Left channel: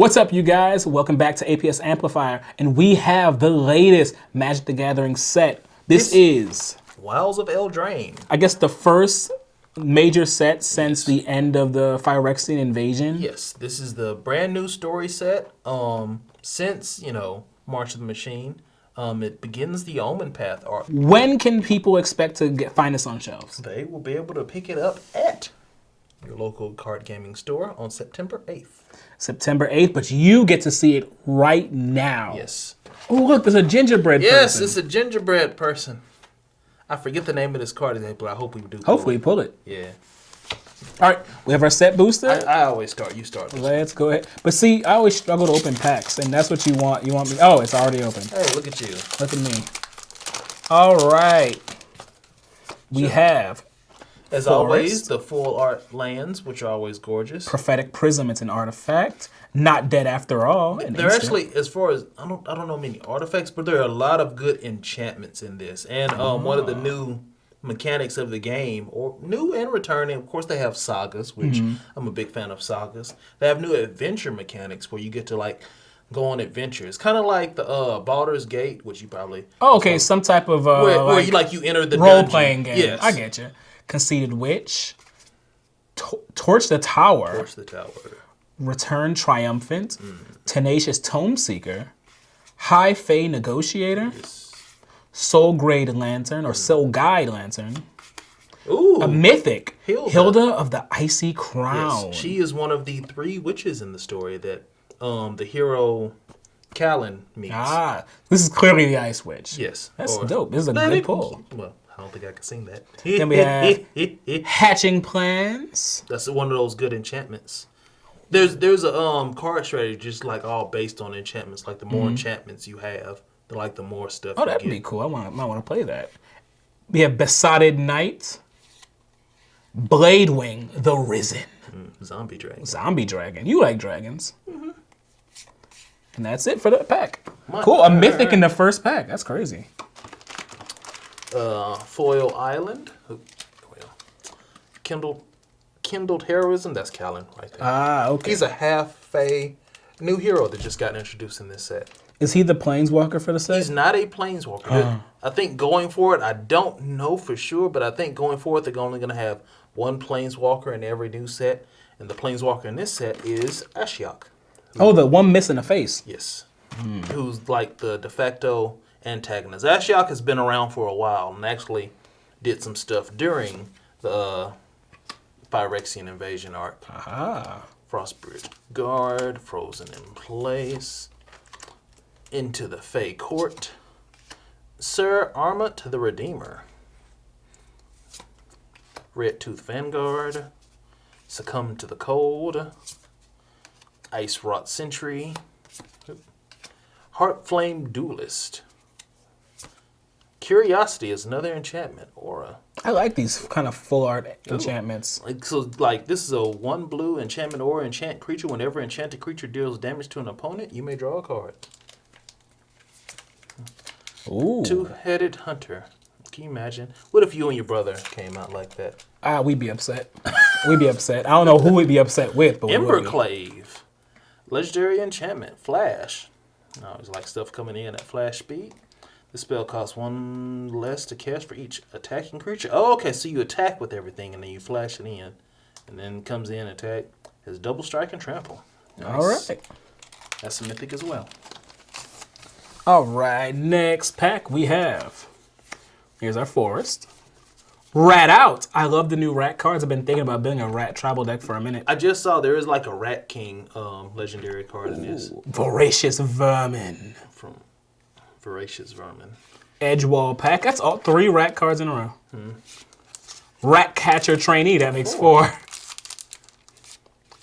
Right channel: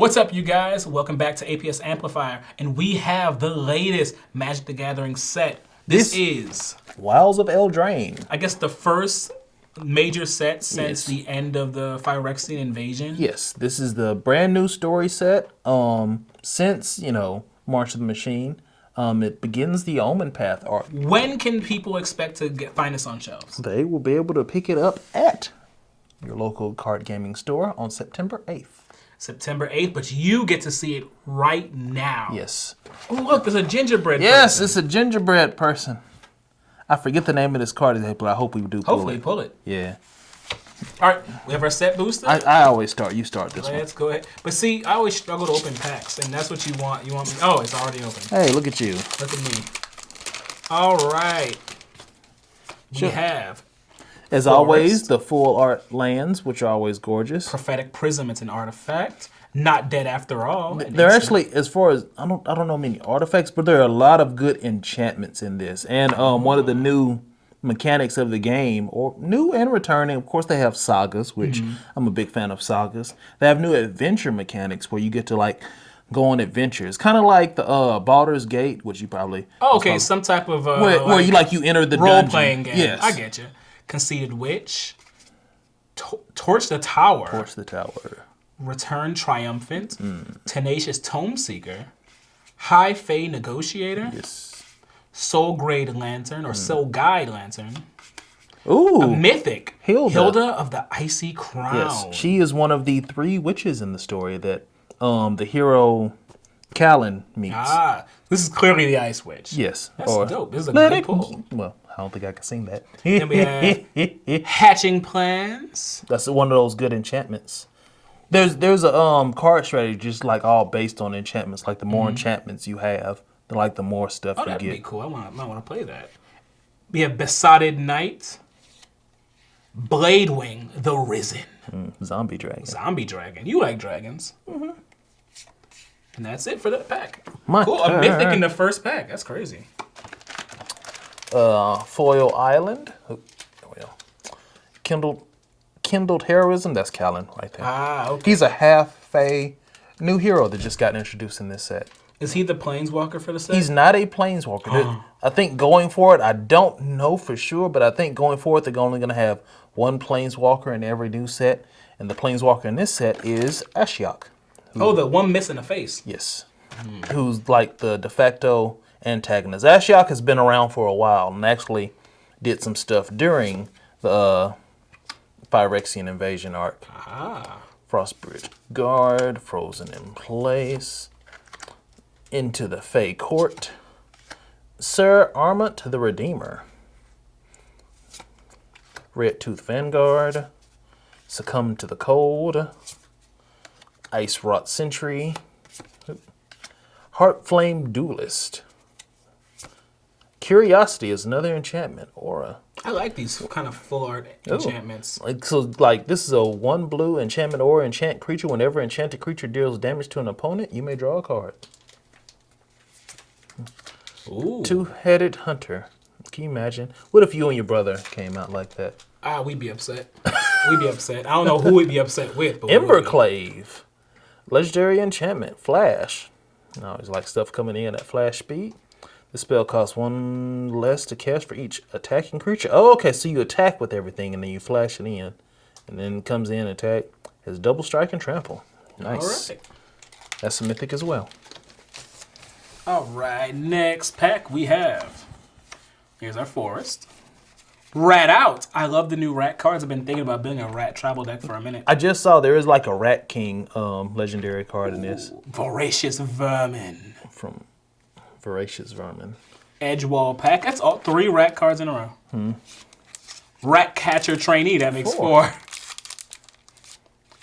What's up, you guys? Welcome back to APS Amplifier, and we have the latest Magic the Gathering set. This is Wilds of Eldraine. I guess the first major set since the end of the Phyrexian invasion. Yes, this is the brand new story set. Since March of the Machine, it begins the Omen Path arc. When can people expect to find this on shelves? They will be able to pick it up at your local card gaming store on September 8th. September 8th, but you get to see it right now. Yes. Oh, look, there's a gingerbread Yes, person. it's a gingerbread person. I forget the name of this card today, but I hope we do pull Hopefully it. pull it. Yeah. All right, we have our set booster. I always start. You start this one. Let's go ahead. But see, I always struggle to open packs, and that's what you want. You want me? Oh, it's already open. Hey, look at you. Look at me. All right. We have, As Forest. always, the full art lands, which are always gorgeous. Prophetic Prism. It's an artifact. Not dead after all. An They're instant. actually, as far as I don't know many artifacts, but there are a lot of good enchantments in this. And one of the new mechanics of the game, or new and returning, of course, they have sagas, which I'm a big fan of sagas. They have new adventure mechanics where you get to go on adventures, kind of like the Baldur's Gate, which you probably some type of where you enter the role dungeon. playing game. Yes, I get you. Conceited Witch. Torch the Tower. Torch the Tower. Return Triumphant. Tenacious Tome Seeker. High Fae Negotiator. Soul Grade Lantern or Soul Guide Lantern. Ooh, A Mythic. Hilda of the Icy Crown. Yes, she is one of the 3 witches in the story that the hero Callan meets. Ah, this is clearly the Ice Witch. Yes. That's or dope. This is a Let good It- pull. Well, I don't think I can sing that. Then we have Hatching Plans. That's one of those good enchantments. There's a card strategy just all based on enchantments. Like the more enchantments you have, the more stuff Oh, you that'd get. be cool. I might want to play that. We have Besotted Knight. Bladewing the Risen. Zombie dragon. Zombie Dragon. You like dragons. And that's it for the pack. My- Cool. A Mythic in the first pack. That's crazy. Foil Island. Oh, there we go. Kindled Heroism. That's Callan right there. Ah, okay. He's a half-fae new hero that just got introduced in this set. Is he the Planeswalker for the set? He's not a planeswalker. I think going forward, I don't know for sure, but I think going forward they're only going to have one planeswalker in every new set, and the planeswalker in this set is Ashiok. Oh, the one missing a face. Yes, who's the de facto antagonist. Ashiok has been around for a while and actually did some stuff during the Phyrexian invasion arc. Ah. Frostbridge Guard, Frozen in Place, Into the Fey Court, Sir Armut the Redeemer, Red Tooth Vanguard, Succumb to the Cold, Ice Wrought Sentry, Heart Flame Duelist. Curiosity is another enchantment, Aura. I like these kind of full art enchantments. This is a 1 blue enchantment Aura. Enchant creature. Whenever enchanted creature deals damage to an opponent, you may draw a card. Ooh. 2-headed hunter. Can you imagine? What if you and your brother came out like that? Ah, we'd be upset. We'd be upset. I don't know who we'd be upset with, but we would be. Emberclave. Legendary enchantment. Flash. Now it's stuff coming in at flash speed. The spell costs 1 less to cast for each attacking creature. Oh, okay. So you attack with everything and then you flash it in. And then it comes in, attack. Has double strike and trample. Nice. All right. That's a mythic as well. All right, next pack we have. Here's our Forest. Rat Out. I love the new Rat cards. I've been thinking about building a Rat tribal deck for a minute. I just saw there is a Rat King legendary card in this. Voracious Vermin. From Voracious Vermin. Edgewall pack. That's all 3 Rat cards in a row. Rat Catcher Trainee. That makes 4.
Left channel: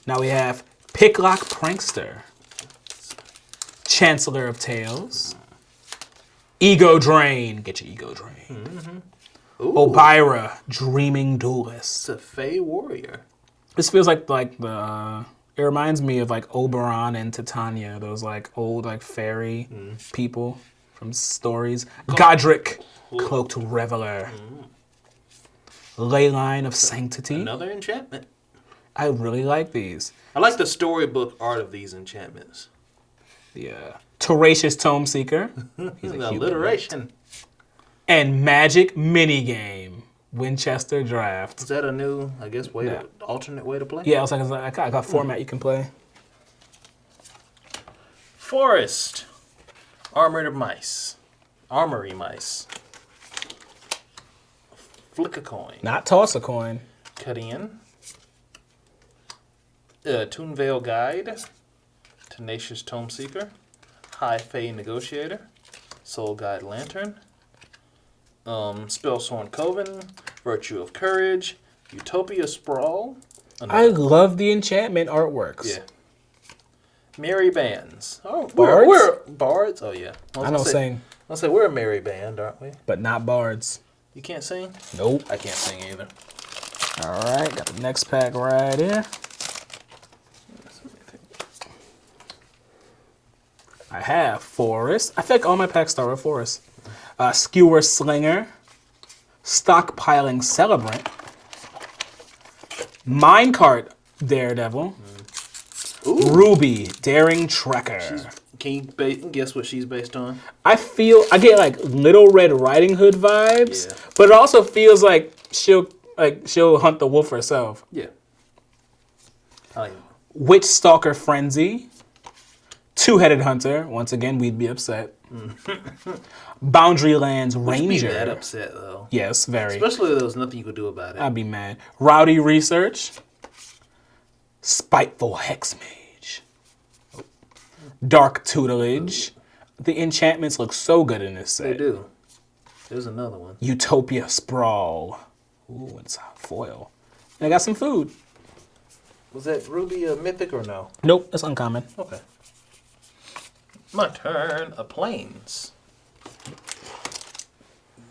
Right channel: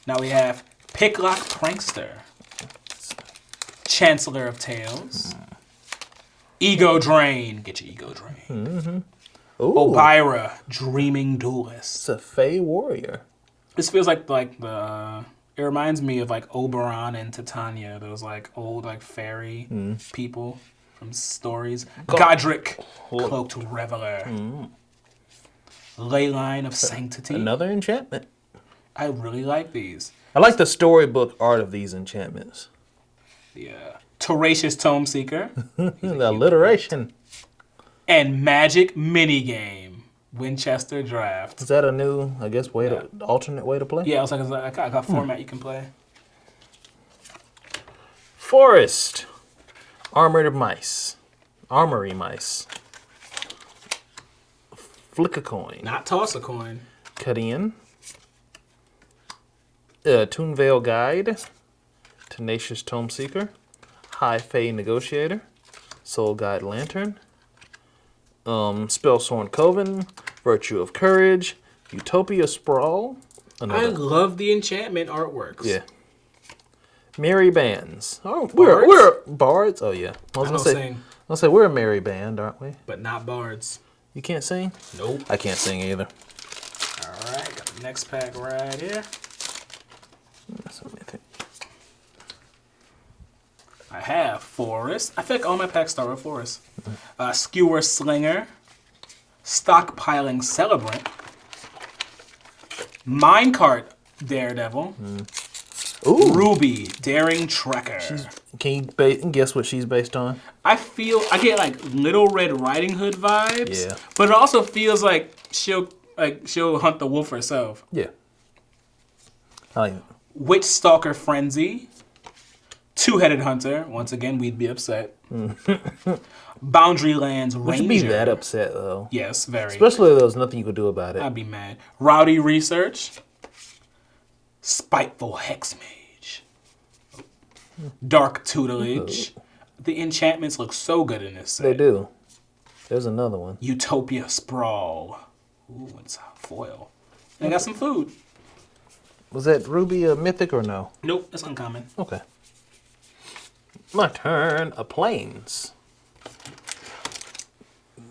Now we have Picklock Prankster. Chancellor of Tales. Ego Drain. Get your Ego Drain. Obira, Dreaming Duelist. It's a Fey Warrior. This feels like the. It reminds me of Oberon and Titania, those old fairy people from stories. Godric, Cloaked Reveler. Leyline of Sanctity. Another enchantment. I really like these. I like the storybook art of these enchantments. The Tenacious Tome Seeker. The alliteration. And Magic Minigame. Winchester Draft. Is that a new, I guess, alternate way to play? Yeah, I got a format you can play. Forest. Armory mice. Flick a coin. Not toss a coin. Cut in. Toonvale Guide. Tenacious Tome Seeker. High Fae Negotiator. Soul Guide Lantern. Spellsworn Coven. Virtue of Courage. Utopia Sprawl. I love the enchantment artworks. Yeah. Merry Bands. Oh, Bards? we're bards. Oh yeah. I know sing, I'll say we're a merry band, aren't we? but not bards. You can't sing? Nope. I can't sing either. All right, got the next pack right here. I have Forest. I think all my packs start with Forest. Skewer Slinger. Stockpiling Celebrant. Minecart Daredevil. Ooh. Ruby Daring Tracker. Can you guess what she's based on? I get like Little Red Riding Hood vibes, Yeah. but it also feels like she'll hunt the wolf herself. Yeah. Witch Stalker Frenzy. Two-Headed Hunter. Once again, we'd be upset. Boundarylands Ranger. Would you be that upset though? Yes, very. Especially if there was nothing you could do about it. I'd be mad. Rowdy Research. Spiteful Hexmage. Dark Tutelage. The enchantments look so good in this set. They do. There's another one. Utopia Sprawl. Ooh, it's foil. And I got some food. Was that Ruby a mythic or no? Nope, it's uncommon. Okay. My turn. A Plains.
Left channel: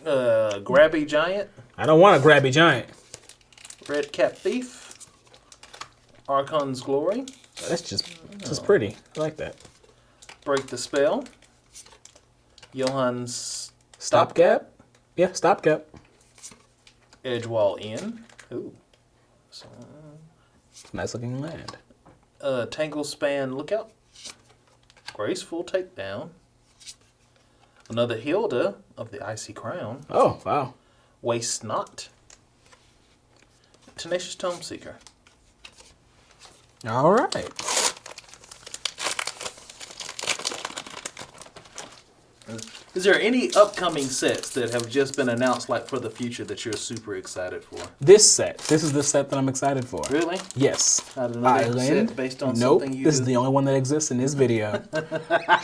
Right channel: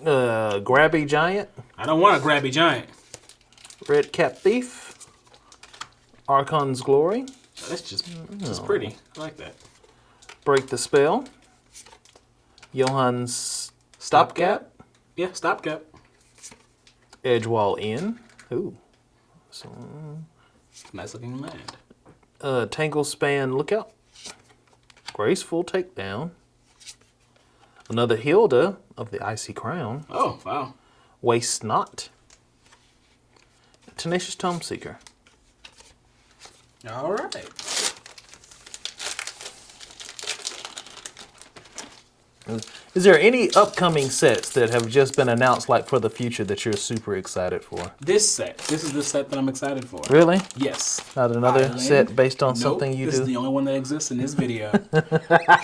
Grabby Giant. I don't want a grabby giant. Red Cap Thief. Archon's Glory. That's just pretty. I like that. Break the Spell. Johan's Stopgap? Yeah, Stopgap. Edgewall Inn. Ooh. So, Nice looking land. Tangle Span Lookout. Graceful Takedown. Another Hilda of the Icy Crown. Oh, wow. Waste Not. Tenacious Tome Seeker. All right. Is there any upcoming sets that have just been announced, like for the future, that you're super excited for? This is the set that I'm excited for. Really? Yes. Not another Island? set based on something you This do? is the only one that exists in this video.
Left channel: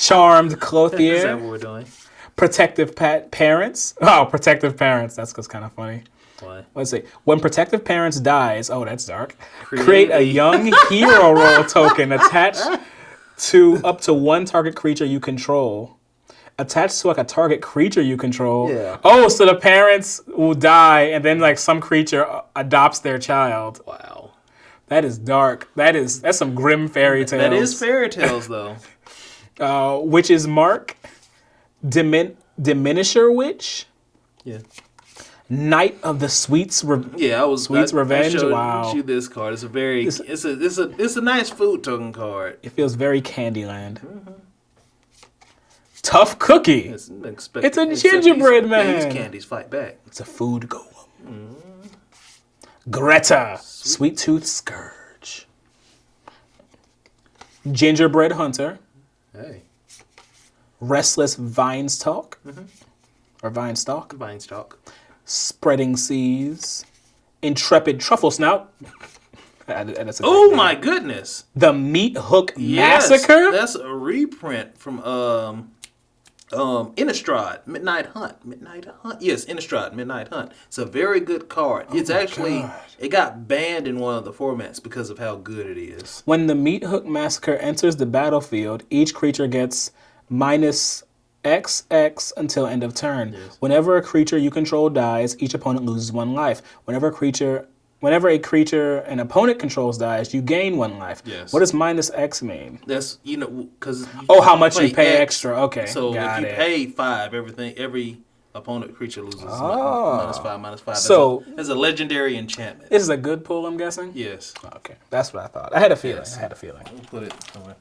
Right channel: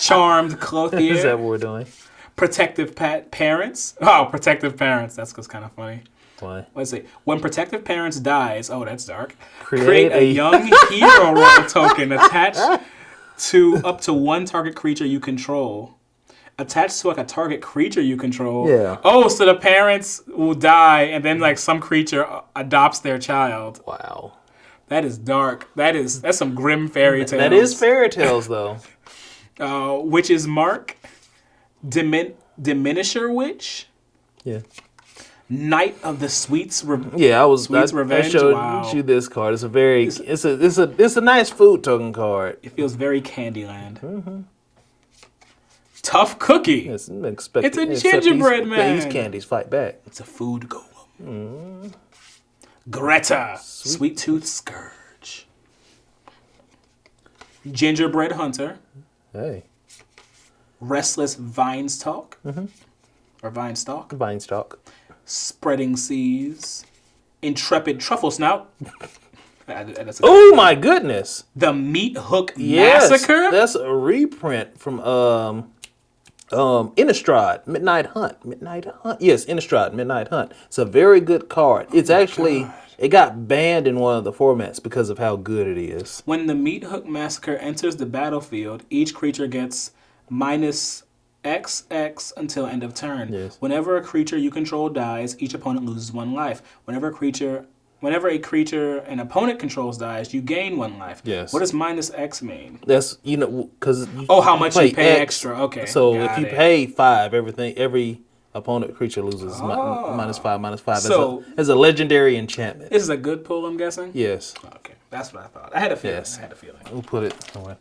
Charmed Clothier. Is that what we're doing? Protective Parents. Oh, Protective Parents. That's kind of funny. Why? Let's see. When Protective Parents dies, oh, that's dark. Create Create a a young hero role token attached to up to one target creature you control. Attached to like a target creature you control. Yeah. Oh, so the parents will die, and then like some creature adopts their child. Wow. That is dark. That's some grim fairy tales. That is fairy tales, though. Witch's Mark, Diminisher Witch, Yeah. Knight of the Sweets. Yeah, Sweet's Revenge. I showed Wow. you this card. It's a very it's a nice food token card. It feels very Candyland. Tough Cookie. It's a gingerbread man. These candies fight back. It's a food golem. Greta. Sweet Tooth Scourge. Gingerbread Hunter. Hey. Restless Vinestalk. Or Vinestalk. Vinestalk. Spreading Seas. Intrepid Truffle Snout. Oh my goodness. The Meat Hook Yes, Massacre. that's a reprint from Innistrad, Midnight Hunt. Yes, Innistrad, Midnight Hunt. It's a very good card. It's actually, it got banned in one of the formats because of how good it is. When the Meat Hook Massacre enters the battlefield, each creature gets -XX until end of turn. Yes. Whenever a creature you control dies, each opponent loses 1 life. Whenever a creature an opponent controls dies, you gain 1 life. Yes. What does -X mean? That's, because How much you pay extra. Okay. So got if you it. pay 5, every Opponent creature loses -5/-5. So it's a legendary enchantment. this is a good pull, I'm guessing? Yes. Okay, that's what I thought. I had a feeling. Yes. I had a feeling. We'll put it away.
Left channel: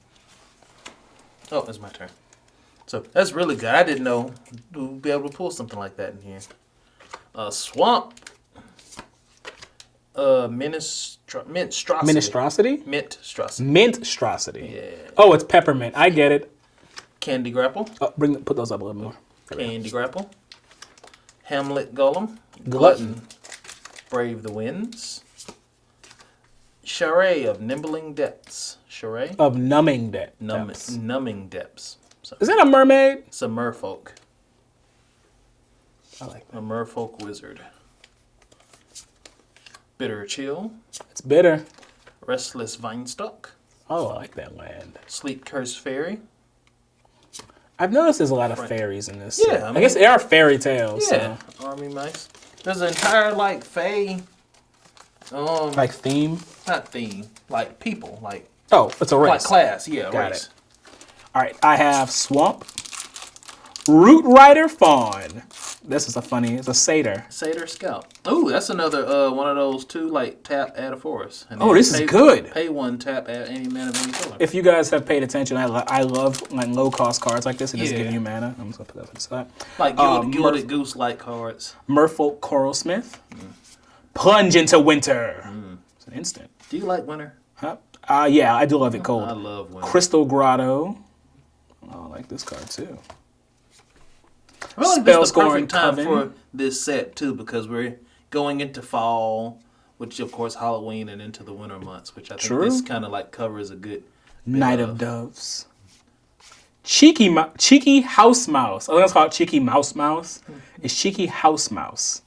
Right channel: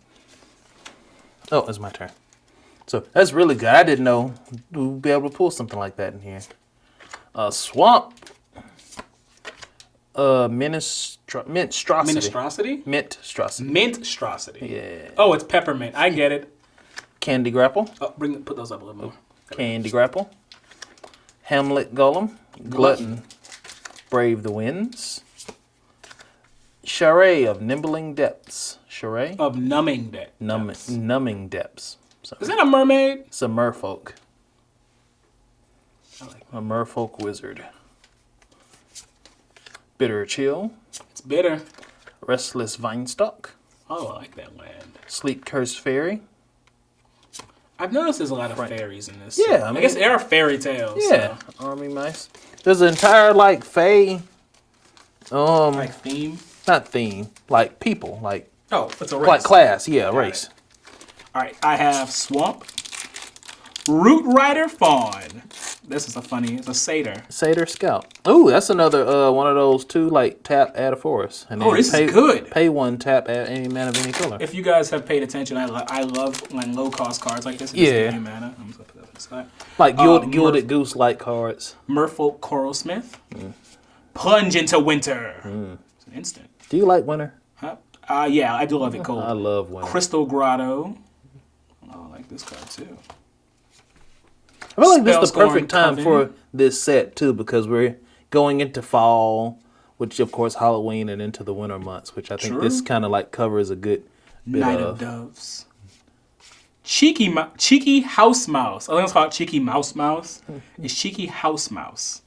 Oh, it's my turn. So that's really good. I didn't know we'd be able to pull something like that in here. Swamp. Minstrosity. Minestrosity? Minstrosity. Minstrosity. Yeah. Oh, it's peppermint. I get it. Candy Grapple. Oh, put those up a little more. Candy Grapple. Hamlet Golem. Glutton. Brave the Winds. Charade of Nimbling Depths. Charade? Of numbing depths. Numbing Depths. So, Is that a mermaid? it's a merfolk. I like A merfolk wizard. Bitter Chill. It's bitter. Restless Vinestock. Oh, I like that land. Sleep Cursed Fairy. I've noticed there's a lot of fairies in this. Yeah, so I I mean- guess they are fairy tales. Yeah. Army Mice. There's an entire, like, fae. So. Like theme. Not theme. Like, people. Like, Oh, it's a race. like class. Yeah, Got race. it. All right, I have Swamp. Root Rider Fawn. This is it's a satyr. Satyr Scout. Ooh, that's another one of those two, like, tap, add a forest. And Oh, then this is good. Pay one, tap, add any mana of any color. If you guys have paid attention, I love like low cost cards like this. It just Yeah. give you mana. I'm just gonna put that on the side. Like Gilded Goose-like cards. Merfolk Coralsmith. Plunge into Winter. It's an instant. Do you like winter? Huh? Yeah, I do love it cold. I love winter. Crystal Grotto. Oh, I like this card too. I feel like this is the Spellscoring perfect time Coven. for this set, too, because we're going into fall, which, of course, Halloween and into the winter months, which I think True. this kind of, like, covers a good bit Night of Doves. Cheeky House Mouse. I think it's called Cheeky Mouse Mouse. It's Cheeky House Mouse.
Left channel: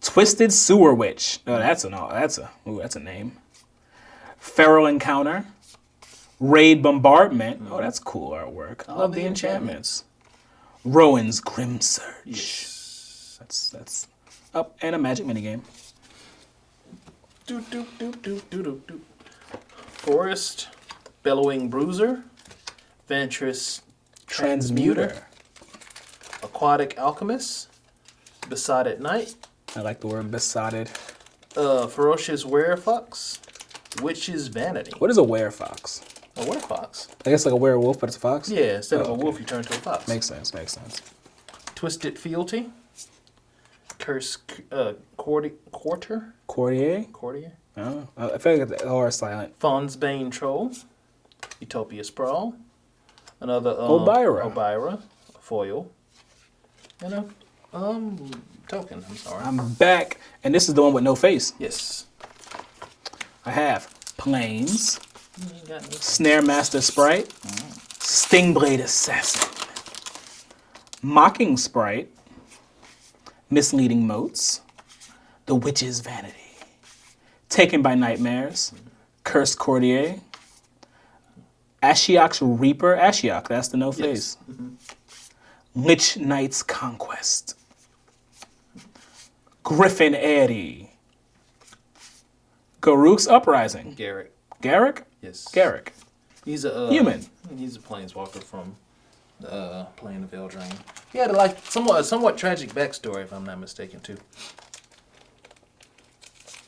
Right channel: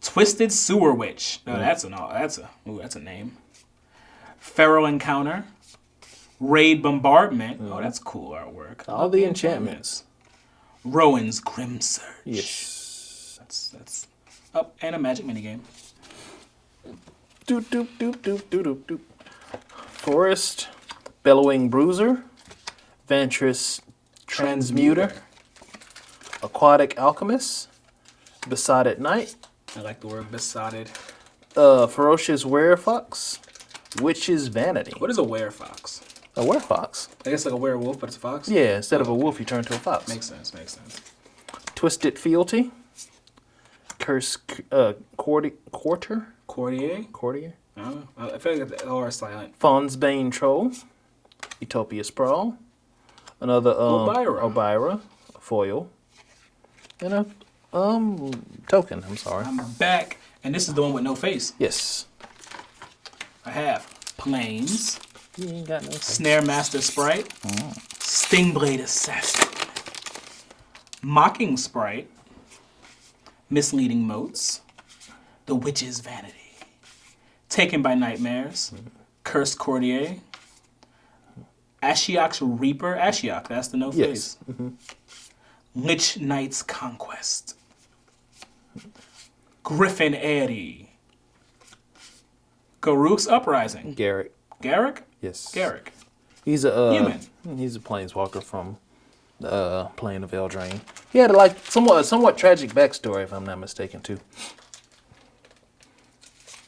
Twisted Sewer Witch. Oh, that's a name. Feral Encounter. Raid Bombardment. Oh, that's cool artwork. I love the enchantments. Rowan's Grim Search. Yes. That's up and a magic minigame. Doop, doop, doop, doop, doop, doop, doop. Forest, Bellowing Bruiser, Ventress Transmuter, Aquatic Alchemist, Besotted Knight, I like the word besotted. Ferocious Werefox, Witch's Vanity. What is a werefox? A werefox. I guess like a werewolf, but it's a fox? Yeah, instead of a okay. wolf, you turn to a fox. Makes sense. Twisted Fealty, Curse Courtier. Courtier? Oh, I feel like the R is silent. Fawn's Bane Troll, Utopia Sprawl, another Obira foil, and a token. I'm sorry. I'm back, and this is the one with no face. Yes. I have Plains, You ain't got no Snare Master Sprite, Stingblade Assassin, Mocking Sprite, Misleading Motes, The Witch's Vanity, Taken by Nightmares, Cursed Courtier, Ashiok's Reaper. Ashiok, that's the no face. Lich Knight's Conquest, Griffin Airy, Garruk's Uprising. Garrick? Yes. Garrick. He's a Human. He's a planeswalker from Plane of Eldraine. He had a somewhat tragic backstory, if I'm not mistaken, too.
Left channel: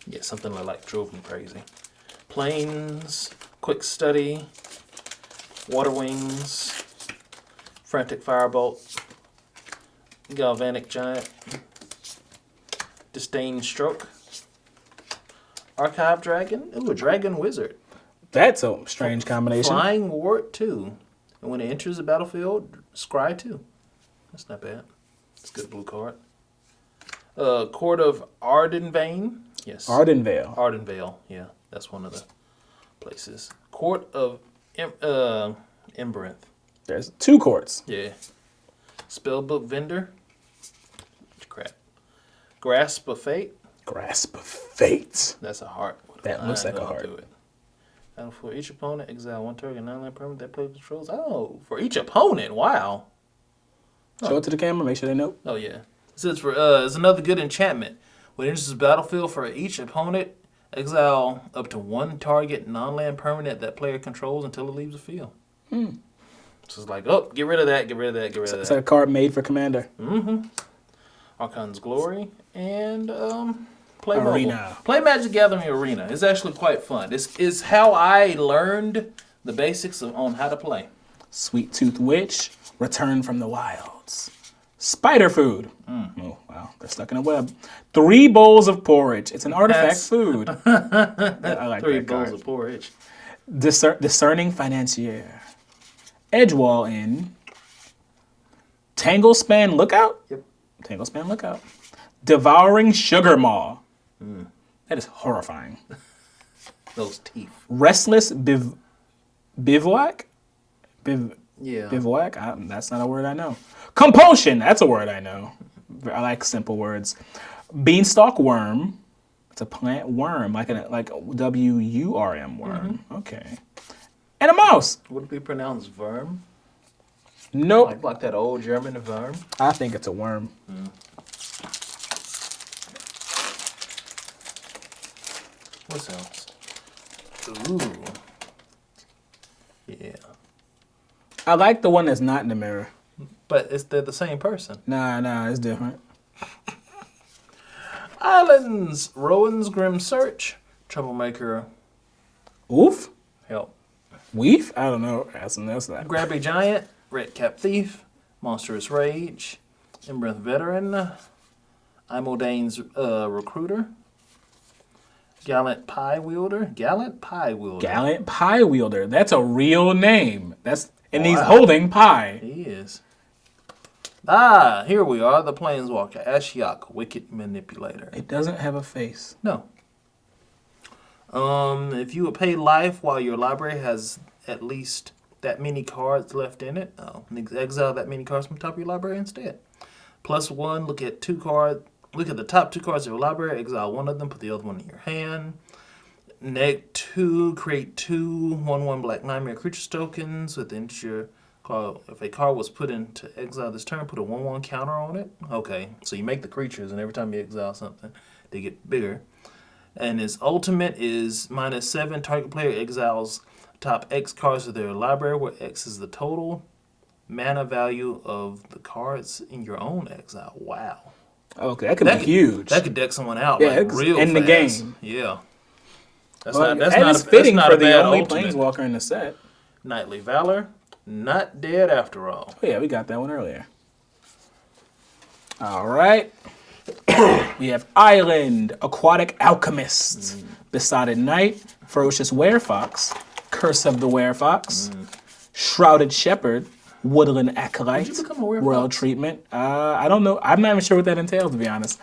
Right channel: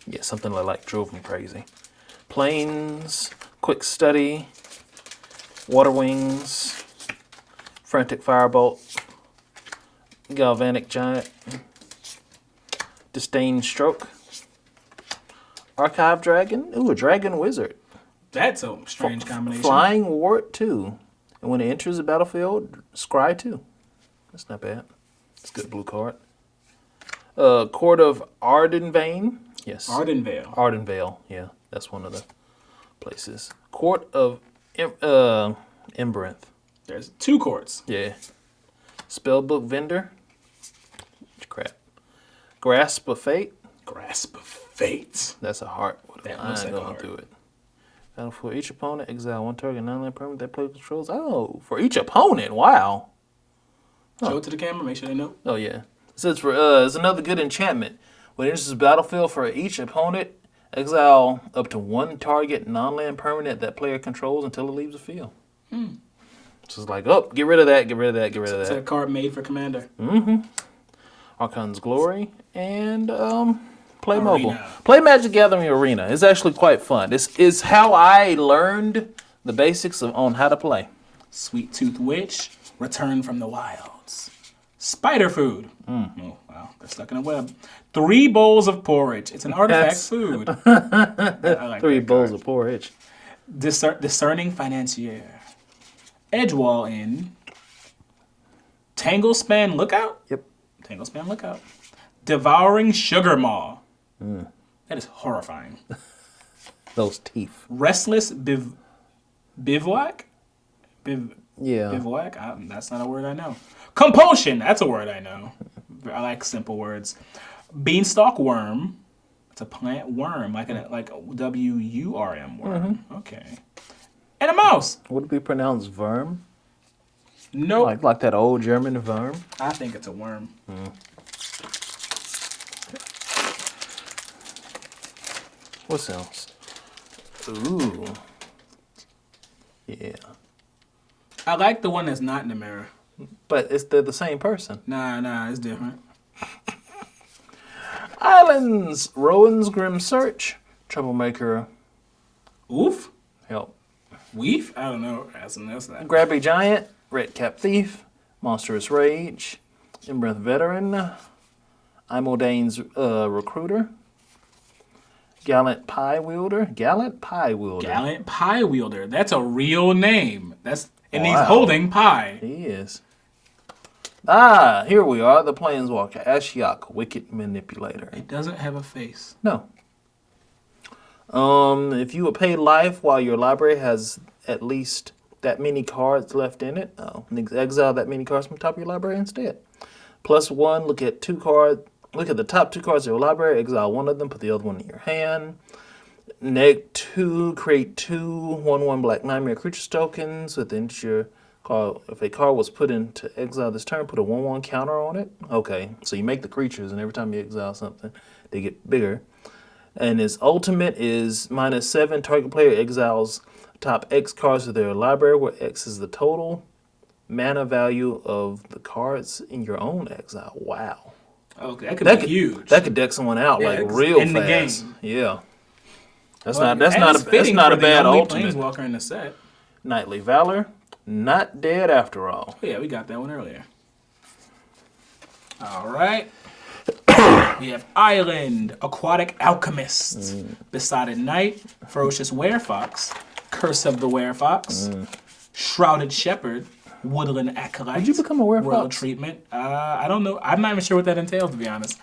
Yeah, something like drove him crazy. Planes, Quick Study, Water Wings, Frantic Firebolt, Galvanic Giant, Disdain Stroke, Archive Dragon. Ooh, a Dragon Wizard. That's a strange combination. Flying Ward 2. And when it enters the battlefield, scry 2. That's not bad. That's a good blue card. Court of Ardenvale. Yes. Ardenvale. Ardenvale. Yeah, that's one of the places. Court of Emberinth. There's 2 courts. Yeah. Spellbook Vendor. Crap. Grasp of Fate. Grasp of Fate. That's a heart. That looks like a I'll heart. do it. And for each opponent, exile one target non-land permanent that player controls. Oh, for each opponent. Wow. Show it to the camera. Make sure they know. Oh, yeah. It says it's another good enchantment. When it enters the battlefield for each opponent, exile up to one target non-land permanent that player controls until it leaves the field. So it's like, oh, get rid of that, get rid of that, get rid of It's that. a card made for Commander. Archon's Glory and Play Arena. Mobile. Play Magic Gathering Arena. It's actually quite fun. This is how I learned the basics on how to play. Sweet Tooth Witch, Return from the Wilds. Spider Food. Oh, wow. They're stuck in a web. 3 bowls of porridge. It's an artifact food. I like 3 that bowls card. of porridge. Discerning Financier. Edgewall Inn. Tanglespan Lookout? Yep. Tanglespan Lookout. Devouring Sugar Maw. That is horrifying. Those teeth. Restless Bivouac? Yeah. Bivouac? That's not a word I know. Compulsion. That's a word I know. I like simple words. Beanstalk Worm. It's a plant worm, like WURM worm. Okay. And a mouse. Would it be pronounced verm? Nope. Like that old German verm? I think it's a worm. What else? Ooh. Yeah. I like the one that's not in the mirror. But they're the same person. Nah, it's different. Islands, Rowan's Grim Search, Troublemaker, Oof? help. Weef? I don't know. That's that. Grabby Giant, Red Cap Thief, Monstrous Rage, Embreath Veteran, Imoldane's Recruiter, Gallant Pie Wielder. Gallant Pie Wielder. That's a real name. And he's Wow. holding pie. He is. Ah, here we are, the Planeswalker, Ashiok, Wicked Manipulator. It doesn't have a face. No. If you would pay life while your library has at least that many cards left in it, exile that many cards from the top of your library instead. +1, look at the top 2 cards of your library, exile one of them, put the other one in your hand. -2, create 2 1/1 Black Nightmare creatures tokens within your card. If a card was put into exile this turn, put a 1/1 counter on it. Okay, so you make the creatures, and every time you exile something, they get bigger. And his ultimate is -7. Target player exiles top X cards of their library, where X is the total mana value of the cards in your own exile. Wow. Okay, that could be huge. That could deck someone out real in fast. the game. Yeah. That's Well, not and a it's fitting for a the bad only ultimate. Planeswalker in the set. Knightly Valor, not dead after all. Oh, yeah, we got that one earlier. All right. We have Island, Aquatic Alchemists, Besotted Knight, Ferocious Werefox, Curse of the Werefox, Shrouded Shepherd, Woodland Acolyte. Did you become a Werefox? Royal Treatment. I don't know. I'm not even sure what that entails, to be honest.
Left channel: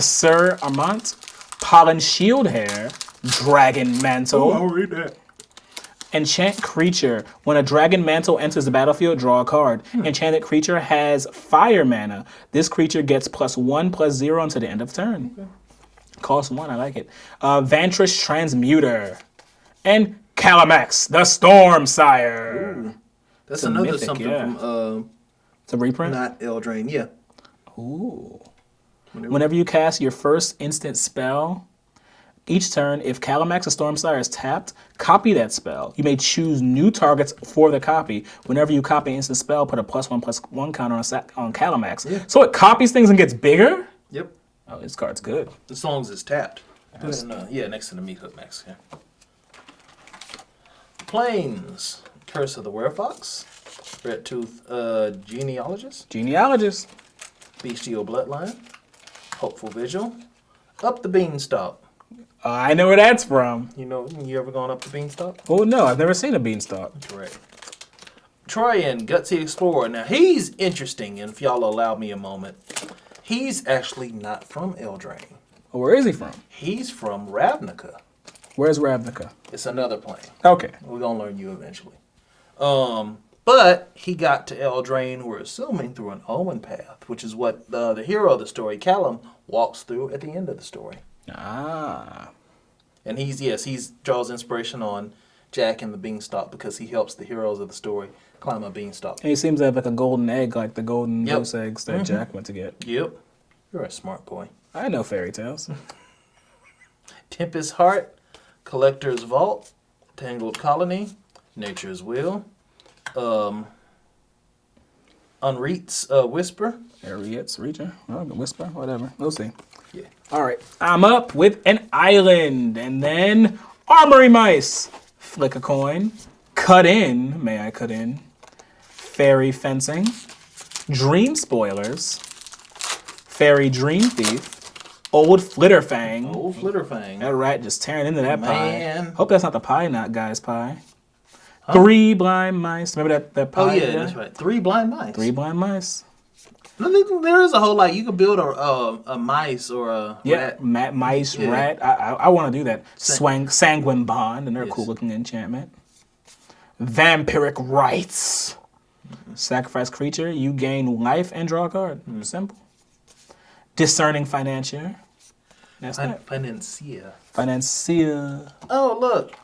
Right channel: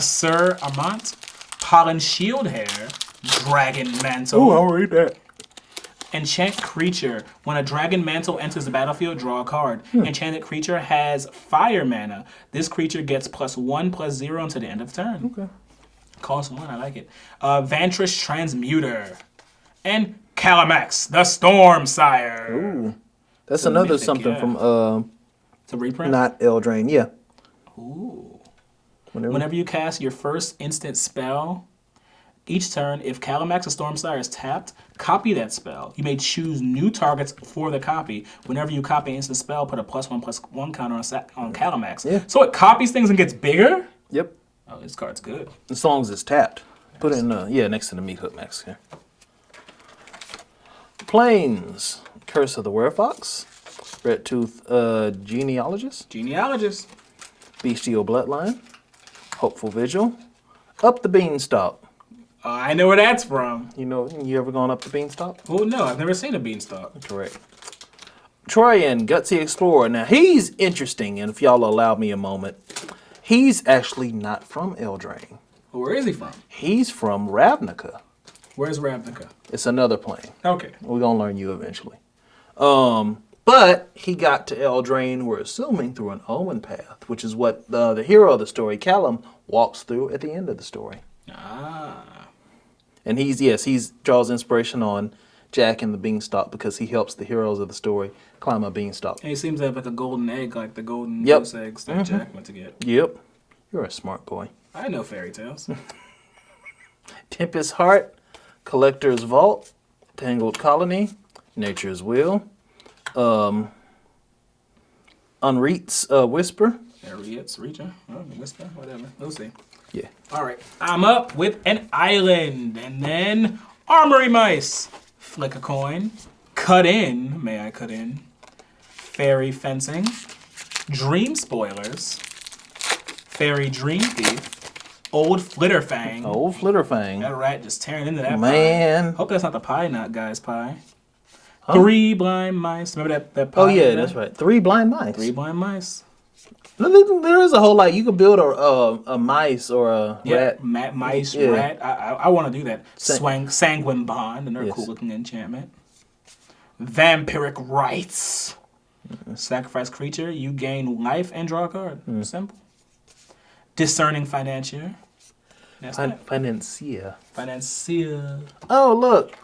Sir Armant, Pollen Shield Hair, Dragon Mantle. I'll read that. Enchant creature. When a dragon mantle enters the battlefield, draw a card. Enchanted creature has fire mana. This creature gets +1/+0 until the end of turn. Okay. Cost 1, I like it. Vantress Transmuter. And Calamax, the Storm Sire. Ooh. That's a another mythic, something yeah. from It's a reprint? not Eldraine. Yeah. Ooh. Whenever you cast your first instant spell, each turn, if Calamax the Stormsire is tapped, copy that spell. You may choose new targets for the copy. Whenever you copy an instant spell, put a +1/+1 counter on Calamax. Yeah. So it copies things and gets bigger? Yep. Oh, this card's good. As long as it's tapped. Put it in next to the Meat Hook Max here. Plains, Curse of the Werefox, Red Tooth Genealogist, Bestial Bloodline, Hopeful Vigil, Up the Beanstalk. I know where that's from. You ever gone up the Beanstalk? Oh, no, I've never seen a beanstalk. Correct. Troyan, Gutsy Explorer. Now, he's interesting, and if y'all allow me a moment, he's actually not from Eldraine. Where is he from? He's from Ravnica. Where's Ravnica? It's another plane. Okay. We're going to learn you eventually. But he got to Eldraine, we're assuming, through an Omen path, which is what the hero of the story, Callum, walks through at the end of the story. Ah. And he draws inspiration on Jack and the Beanstalk because he helps the heroes of the story climb a beanstalk. And he seems to have like a golden egg, like the golden goose eggs that Jack went to get. Yep. You're a smart boy. I know fairy tales. Tempest Heart, Collector's Vault, Tangled Colony, Nature's Will, Unread's Whisper. Ariet's Reacher. Oh, the Whisper. Whatever. We'll see. Yeah. All right. I'm up with an island. And then Armory Mice. Flick a coin. Cut in. May I cut in? Fairy Fencing. Dream Spoilers. Fairy Dream Thief. Old Flitterfang. Old Flitterfang. That rat just tearing into that Man. pie. Hope that's not the pie nut guy's pie. Huh? 3 blind mice. Remember that pie? Oh, yeah, that's right. 3 blind mice. 3 blind mice. There is a whole lot. You can build a mice or a rat. Mice, rat. I want to do that. Sanguine Bond, and they're cool looking enchantment. Vampiric Rites. Sacrifice creature. You gain life and draw a card. Simple. Discerning Financier. That's Financier. Financier. Oh, look.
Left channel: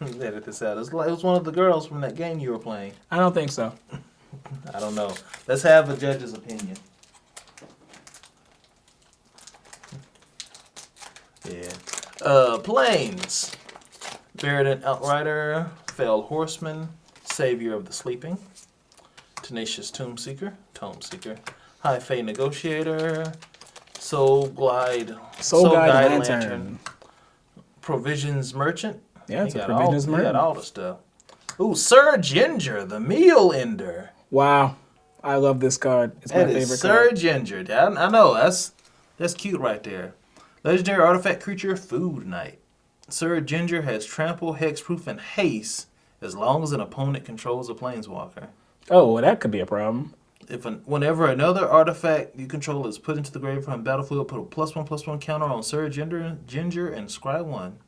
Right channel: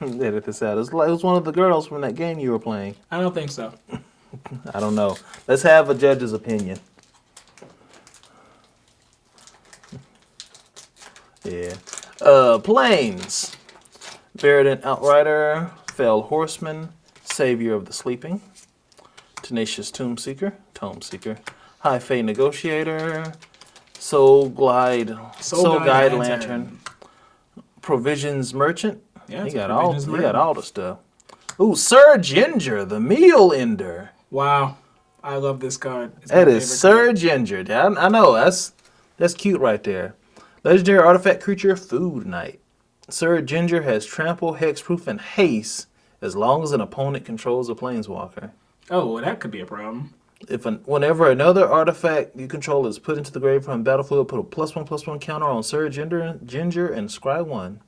Edit this out. It was one of the girls from that game you were playing. I don't think so. I don't know. Let's have a judge's opinion. Yeah. Planes. Verdant Outrider. Fell Horseman. Savior of the Sleeping. Tenacious Tome Seeker. High Fae Negotiator. Soul Guide Lantern. Provisions Merchant. Yeah, he got all the stuff. Ooh, Sir Ginger, the Meal Ender. Wow. I love this card. It's that is Sir Ginger. I know. That's cute right there. Legendary artifact creature, Food Knight. Sir Ginger has trample, hexproof, and haste as long as an opponent controls a planeswalker. Oh, well, that could be a problem. Whenever another artifact you control is put into the grave from the battlefield, put a +1/+1 counter on Sir Ginger and scry 1.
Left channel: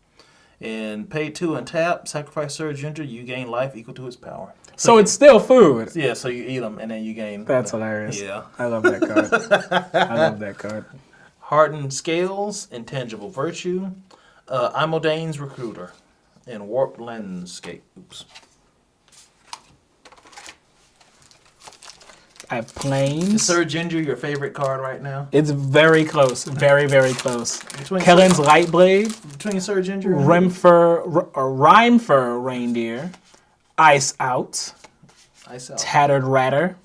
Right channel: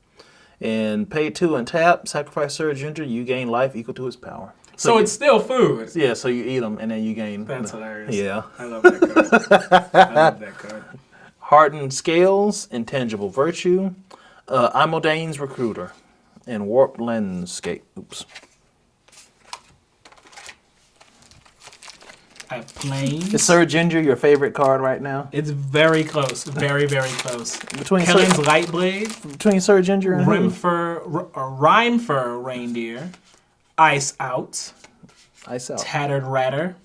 And pay 2 and tap, sacrifice Sir Ginger, you gain life equal to his power. So it's still food. Yeah, so you eat them and then you gain. That's hilarious. Yeah. I love that card. Hardened Scales, Intangible Virtue, Imodane's Recruiter, and Warped Landscape. Oops. I have Plains. Is Sir Ginger your favorite card right now? It's very close. Very, very close. Kellen's Lightblade. Between Sir Ginger and Rhymefur Reindeer. Ice Out. Tattered Ratter.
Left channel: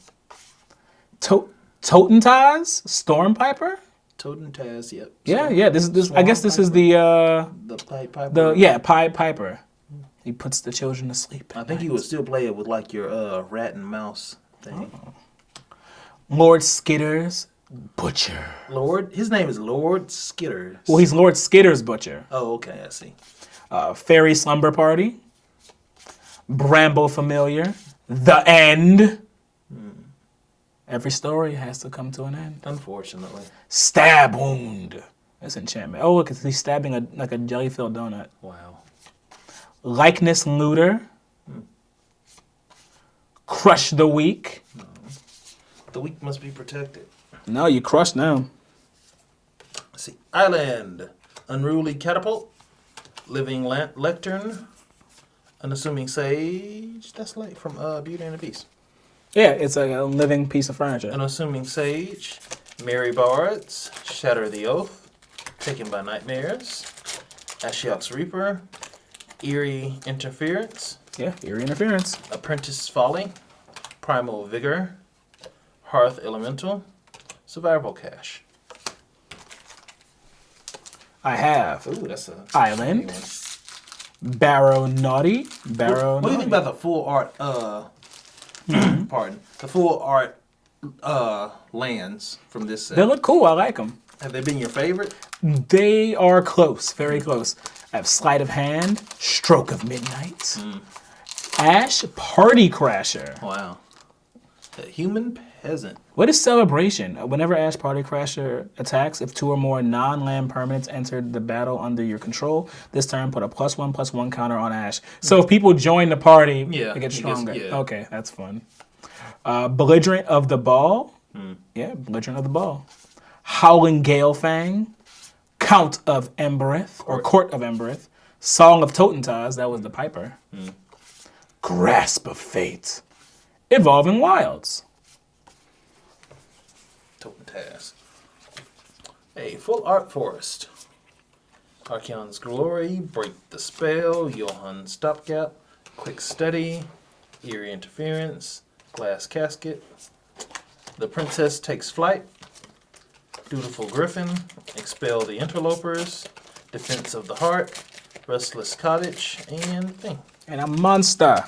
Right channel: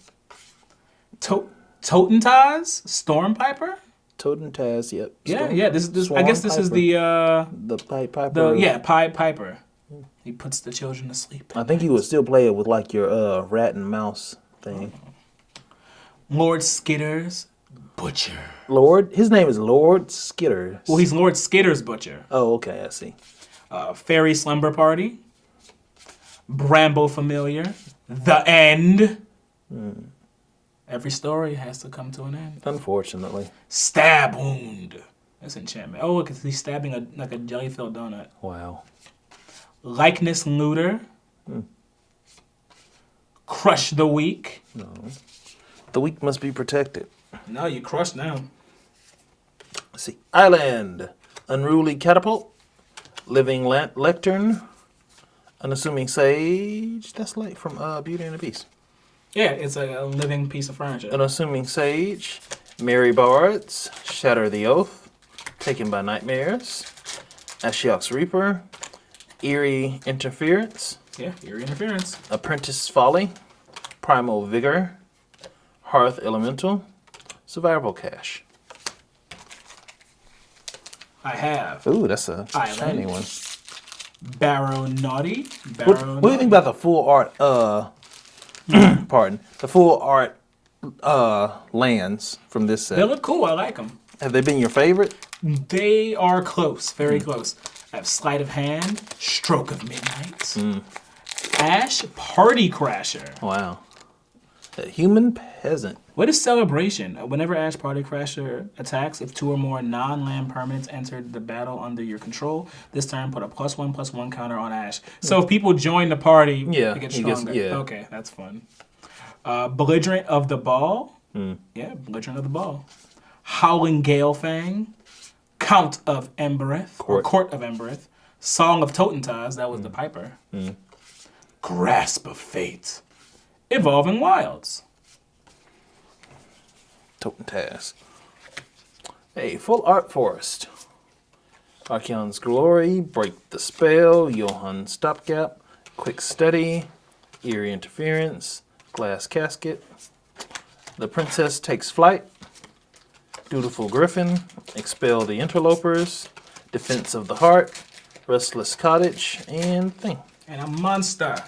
Totentaz? Stormpiper? Totentaz, yep. Yeah. This. I guess this is the Pied Piper. Pied Piper. He puts the children to sleep. I think you would still play it with like your rat and mouse thing. Lord Skitter's Butcher. His name is Lord Skitters. Well, he's Lord Skitter's Butcher. Oh, okay, I see. Fairy Slumber Party. Bramble Familiar. The End. Every story has to come to an end. Unfortunately. Stab Wound. That's enchantment. Oh, look, he's stabbing like a jelly-filled donut. Wow. Likeness Looter. Crush the Weak. No. The weak must be protected. No, you crushed now. Let's see. Island. Unruly Catapult. Living Lectern. Unassuming Sage. That's like from Beauty and the Beast. Yeah, it's like a living piece of furniture. Unassuming Sage. Merry Bards. Shatter the Oath. Taken by Nightmares. Ashiok's Reaper. Eerie Interference. Yeah, Eerie Interference. Apprentice Folly. Primal Vigor. Hearth Elemental. Survival Cache. I have. Ooh, that's a Island. one. Barrow Naughty. What do you think about the full art? Pardon. The full art lands from this set. They look cool. I like them. Have they been your favorite? They are close. Very close. I have Sleight of Hand. Stroke of Midnight. Ash Party Crasher. Wow. A human peasant. What is Celebration? Whenever Ash Party Crasher attacks, if 2 or more non-land permanents entered the battle under your control, this turn put a +1/+1 counter on Ash. So if people join the party, it gets stronger. Okay, that's fun. Belligerent of the Ball. Yeah, Belligerent of the Ball. Howling Galefang. Count of Embereth, or Court of Embereth. Song of Totentaz, that was the Piper. Grasp of Fate. Evolving Wilds. Totentaz. A full art forest. Archeon's Glory, Break the Spell, Johann Stopgap, Quick Study, Eerie Interference, Glass Casket. The Princess Takes Flight. Dutiful Griffin. Expel the Interlopers. Defense of the Heart. Restless Cottage. And Thing. And a monster.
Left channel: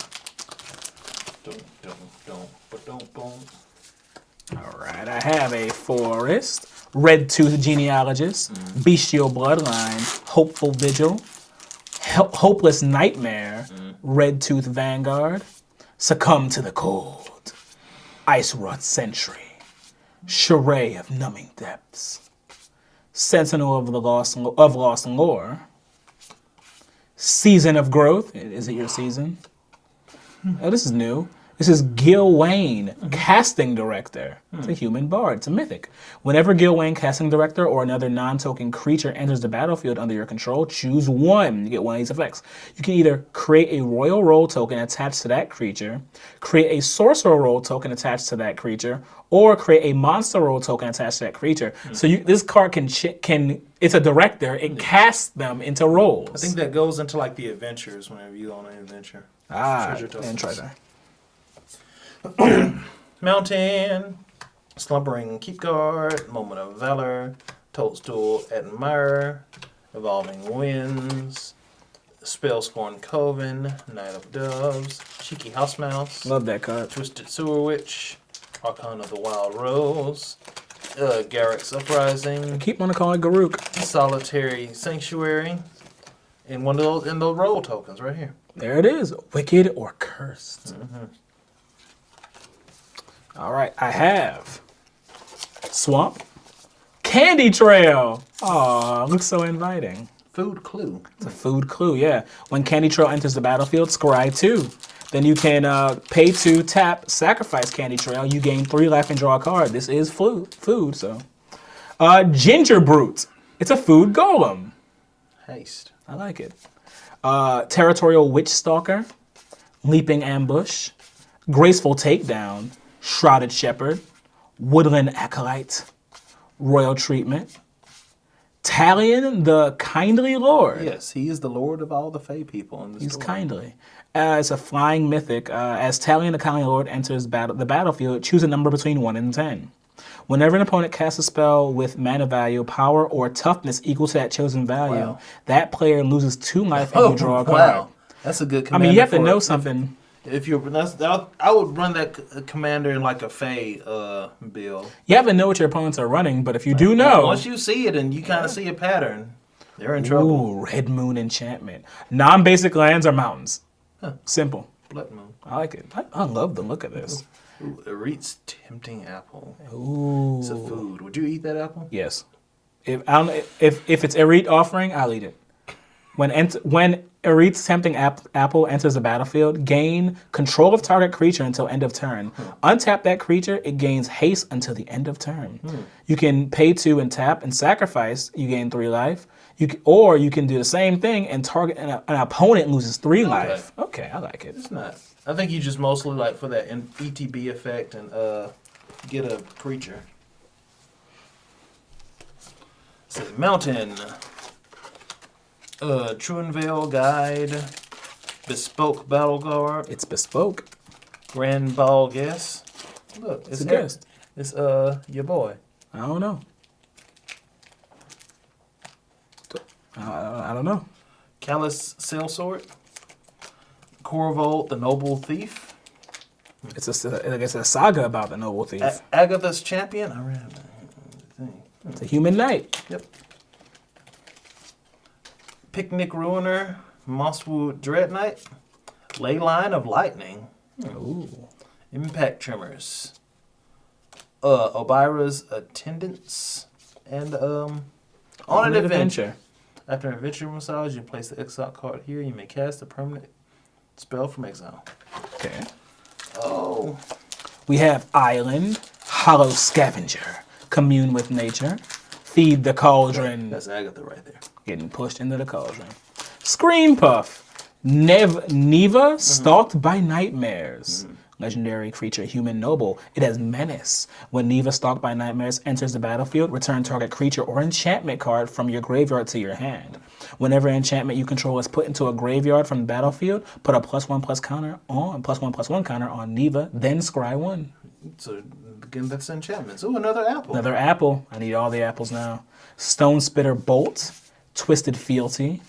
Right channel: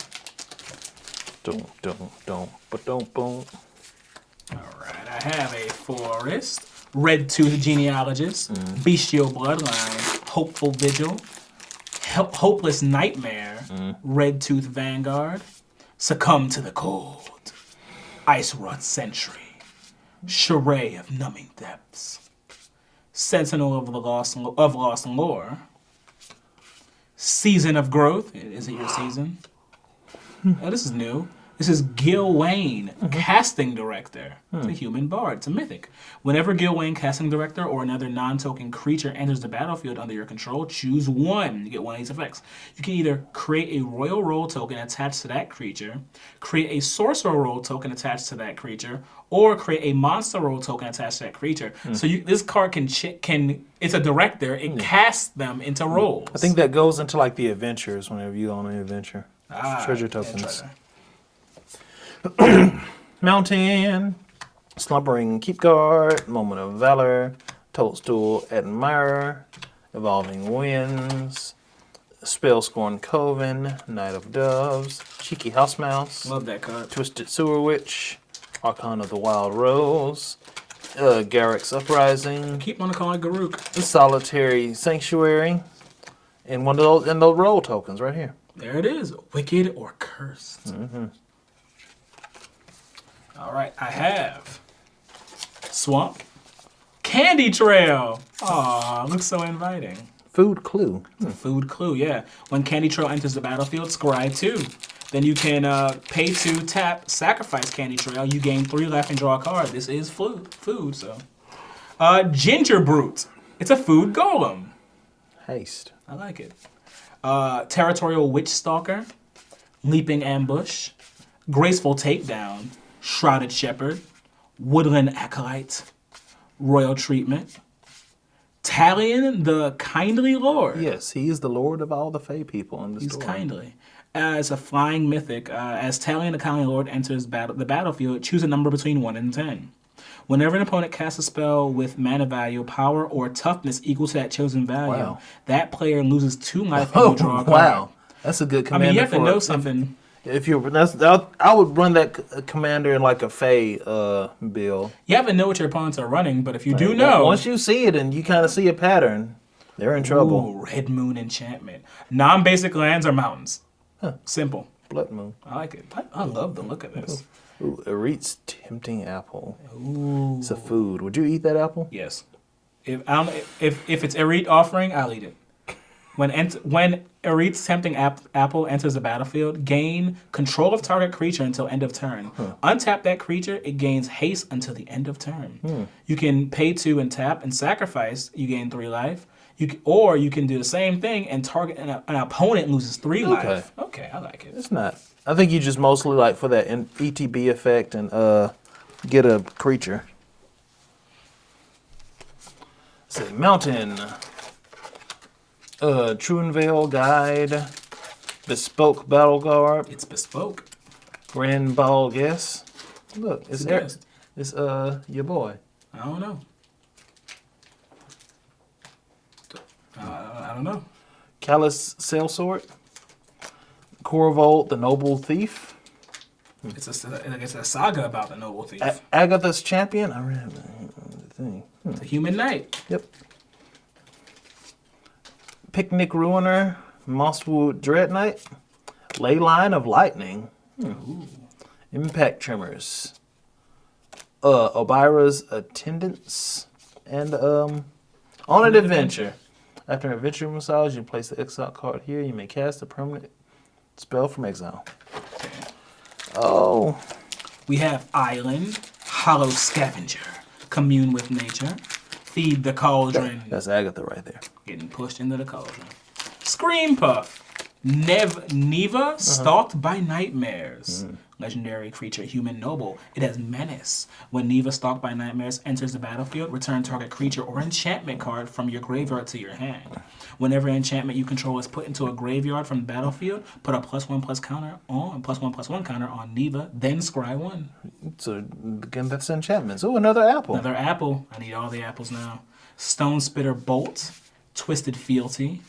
Don't. Alright, I have a Forest. Red Tooth Genealogist. Bestial Bloodline. Hopeful Vigil. Hopeless Nightmare. Red Tooth Vanguard. Succumb to the Cold. Ice Wrought Sentry. Charade of Numbing Depths. Sentinel of the Lost Lore. Season of Growth. Is it your season? Oh, this is new. This is Gil Wayne, Casting Director. It's a human bard. It's a mythic. Whenever Gil Wayne, Casting Director, or another non-token creature enters the battlefield under your control, choose one. You get one of these effects. You can either create a Royal Roll token attached to that creature, create a Sorcerer Roll token attached to that creature, or create a Monster Roll token attached to that creature. So this card can it's a director. It casts them into rolls. I think that goes into like the adventures whenever you go on an adventure. Treasure tokens. Mountain, Slumbering Keepguard, Moment of Valor, Toadstool Admirer, Evolving Winds, Spellscorn Coven, Knight of Doves, Cheeky House Mouse. Love that card. Twisted Sewer Witch, Archon of the Wild Rose, Garrick's Uprising. Keep on calling Garuk. Solitary Sanctuary, and one of those, and those roll tokens right here. There it is. Wicked or Cursed. All right, I have Swamp. Candy Trail. Aw, looks so inviting. Food Clue. It's a food clue, yeah. When Candy Trail enters the battlefield, scry 2. Then you can pay 2, tap, sacrifice Candy Trail. You gain 3 life and draw a card. This is food, so. Ginger Brute. It's a food golem. Haste. I like it. Territorial Witch Stalker. Leaping Ambush. Graceful Takedown. Shrouded Shepherd. Woodland Acolyte. Royal Treatment. Talion the Kindly Lord. Yes, he is the lord of all the Fey people in this He's story. kindly. As a flying mythic, as Talion the Kindly Lord enters the battlefield, choose a number between 1 and 10. Whenever an opponent casts a spell with mana value, power, or toughness equal to that chosen value, that player loses 2 life and you draw a card. Wow, that's a good commander. I mean, you have to know something. If you, I would run that commander in like a Fey build. You have to know what your opponents are running, but if you do know, once you see it and you kind of see a pattern, they're in trouble. Ooh, Red Moon Enchantment. Non-basic lands or mountains. Simple. Blood Moon. I like it. I love the look of this. Ooh, Eret's Tempting Apple. Ooh. It's a food. Would you eat that apple? Yes. If it's Eret offering, I'll eat it. When Eret's Tempting Apple enters the battlefield, gain control of target creature until end of turn. Untap that creature, it gains haste until the end of turn. You can pay 2 and tap and sacrifice, you gain 3 life. Or you can do the same thing and target an opponent loses 3 life. Okay, I like it. It's not. I think you just mostly like for that ETB effect and get a creature. Say Mountain. Truenvale Guide. Bespoke Battle Garb. It's bespoke. Grand Ball Guess. Look, it's guest. It's your boy. I don't know. I don't know. Callous Sailsword. Corvold the Noble Thief. It's a saga about the Noble Thief. Agatha's Champion. I read the thing. It's a human knight. Yep. Picnic Ruiner. Mosswood Dread Knight. Leyline of Lightning. Ooh. Impact Tremors. Obira's Attendants. And On an Adventure. After an adventure massage, you place the exile card here. You may cast a permanent spell from exile. Okay. Oh. We have Island, Hollow Scavenger, Commune with Nature, Feed the Cauldron. That's Agatha right there. Getting pushed into the cauldron. Scream Puff, Neva, stalked by nightmares. Legendary creature, human noble. It has menace. When Neva, stalked by nightmares, enters the battlefield, return target creature or enchantment card from your graveyard to your hand. Whenever enchantment you control is put into a graveyard from the battlefield, put a +1/+1 counter on Neva, then scry 1. So again, that's enchantments. Oh, another apple. Another apple. I need all the apples now. Stone Spitter Bolt, Twisted Fealty,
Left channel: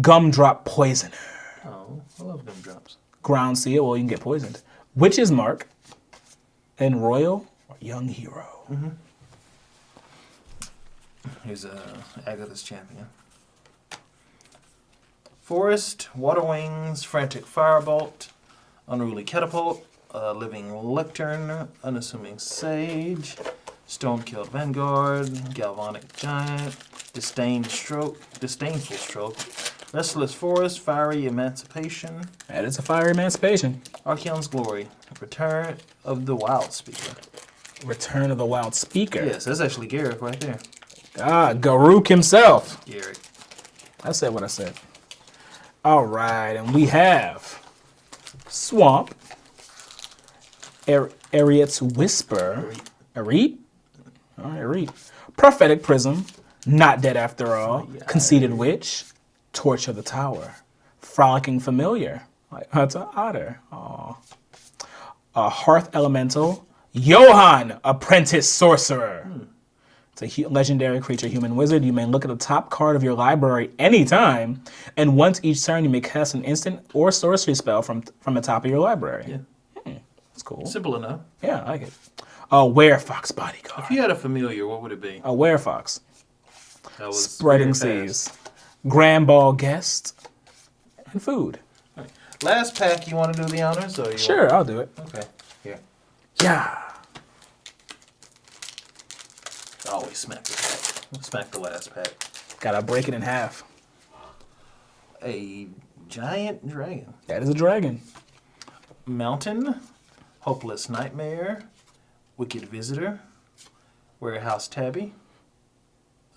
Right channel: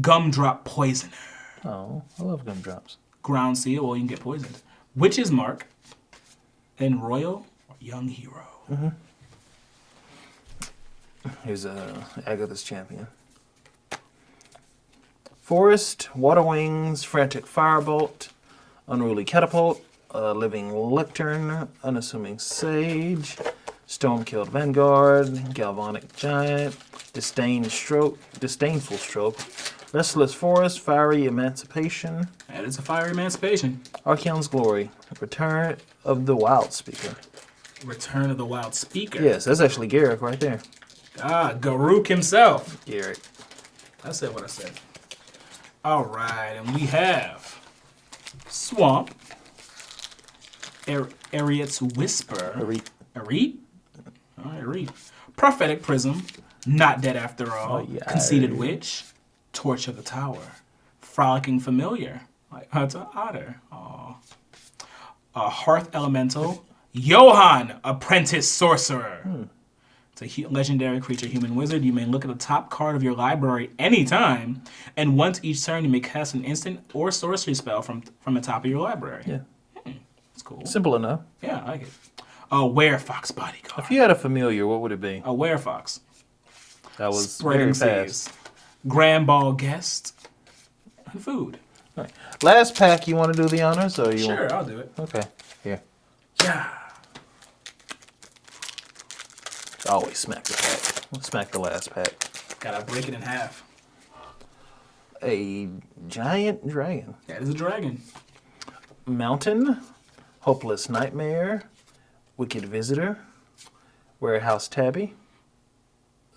Gumdrop Poisoner. Oh, I love gumdrops. Ground Seal, well, you can get poisoned. Witch's Mark, and Royal or Young Hero. Here's Agatha's Champion. Forest, Water Wings, Frantic Firebolt, Unruly Catapult, Living Lectern, Unassuming Sage, Stone-Killed Vanguard, Galvanic Giant, Disdainful Stroke, Restless Forest, Fiery Emancipation. That is a Fiery Emancipation. Archeon's Glory, Return of the Wild Speaker. Return of the Wild Speaker. Yes, that's actually Garrick right there. Ah, Garruk himself. Garrick. I said what I said. All right, and we have Swamp, Ariet's Whisper, Arit? All right, Arit. Prophetic Prism, Not Dead After All, Conceited Witch, Torch of the Tower, Frolicking Familiar, like that's an otter. Aw. Hearth Elemental, Johann, Apprentice Sorcerer. It's a legendary creature, human wizard. You may look at the top card of your library anytime, and once each turn you may cast an instant or sorcery spell from the top of your library. Yeah. That's cool. Simple enough. Yeah, I like it. A Werefox Bodyguard. If you had a familiar, what would it be? A Werefox. That was Spreading very Seas. fast. Grand Ball Guest. And food. Right. Last pack, you want to do the honors? Or you Sure, I'll do it. Okay. Here. Yeah. Always smack the pack. Smack the last pack. Gotta break it in half. A giant dragon. That is a dragon. Mountain. Hopeless Nightmare. Wicked Visitor. Warehouse Tabby.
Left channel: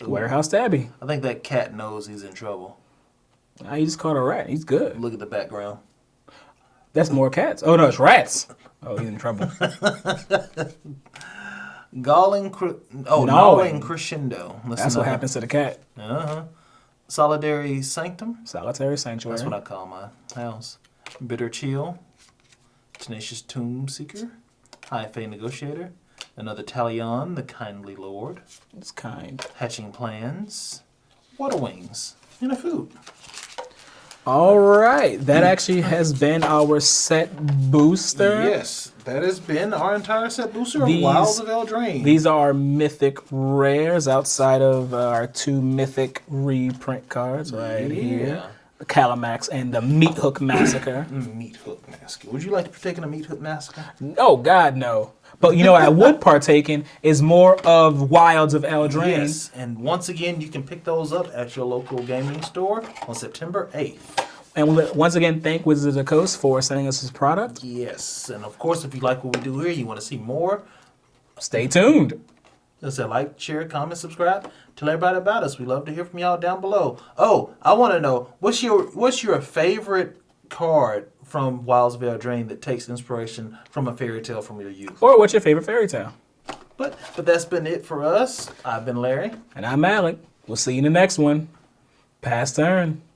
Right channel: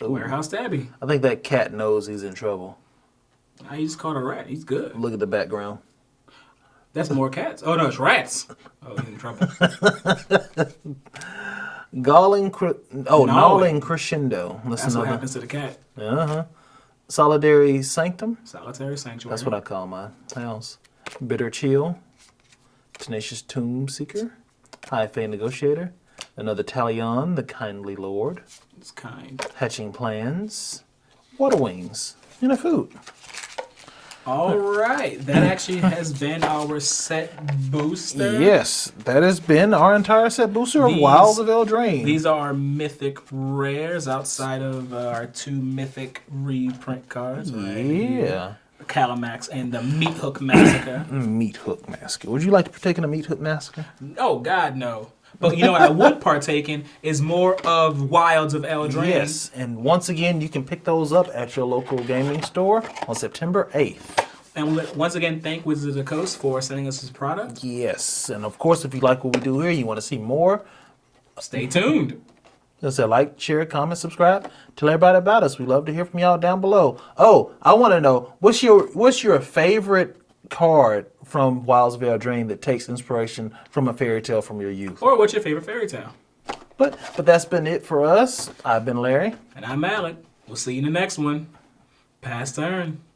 Ooh. Warehouse Tabby. I think that cat knows he's in trouble. Nah, he just caught a rat. He's good. Look at the background. That's more cats. Oh, no, it's rats. Oh, he's in trouble. Gnawing Crescendo. That's what happens to the cat. Solitary Sanctum. Solitary Sanctuary. That's what I call my house. Bitter Chill. Tenacious Tomb Seeker. High Fae Negotiator. Another Talion, the Kindly Lord. It's kind. Hatching Plans. Water Wings. And a food. All right. That actually has been our set booster. Yes, that has been our entire set booster of Wilds of Eldraine. These are our mythic rares outside of our 2 mythic reprint cards. Right here. The Calamax and the Meat Hook Massacre. Meat Hook Massacre. Would you like to partake in the Meat Hook Massacre? Oh, God, no. But you know what I would partake in is more of Wilds of Eldraine. Yes, and once again, you can pick those up at your local gaming store on September 8th. And we'll once again thank Wizards of the Coast for sending us this product. Yes, and of course, if you like what we do here, you want to see more, stay tuned. Just say like, share, comment, subscribe. Tell everybody about us. We love to hear from y'all down below. Oh, I want to know, what's your favorite card from Wilds of Eldraine that takes inspiration from a fairy tale from your youth? Or what's your favorite fairy tale? But that's been it for us. I've been Larry. And I'm Alec. We'll see you in the next one. Pass turn.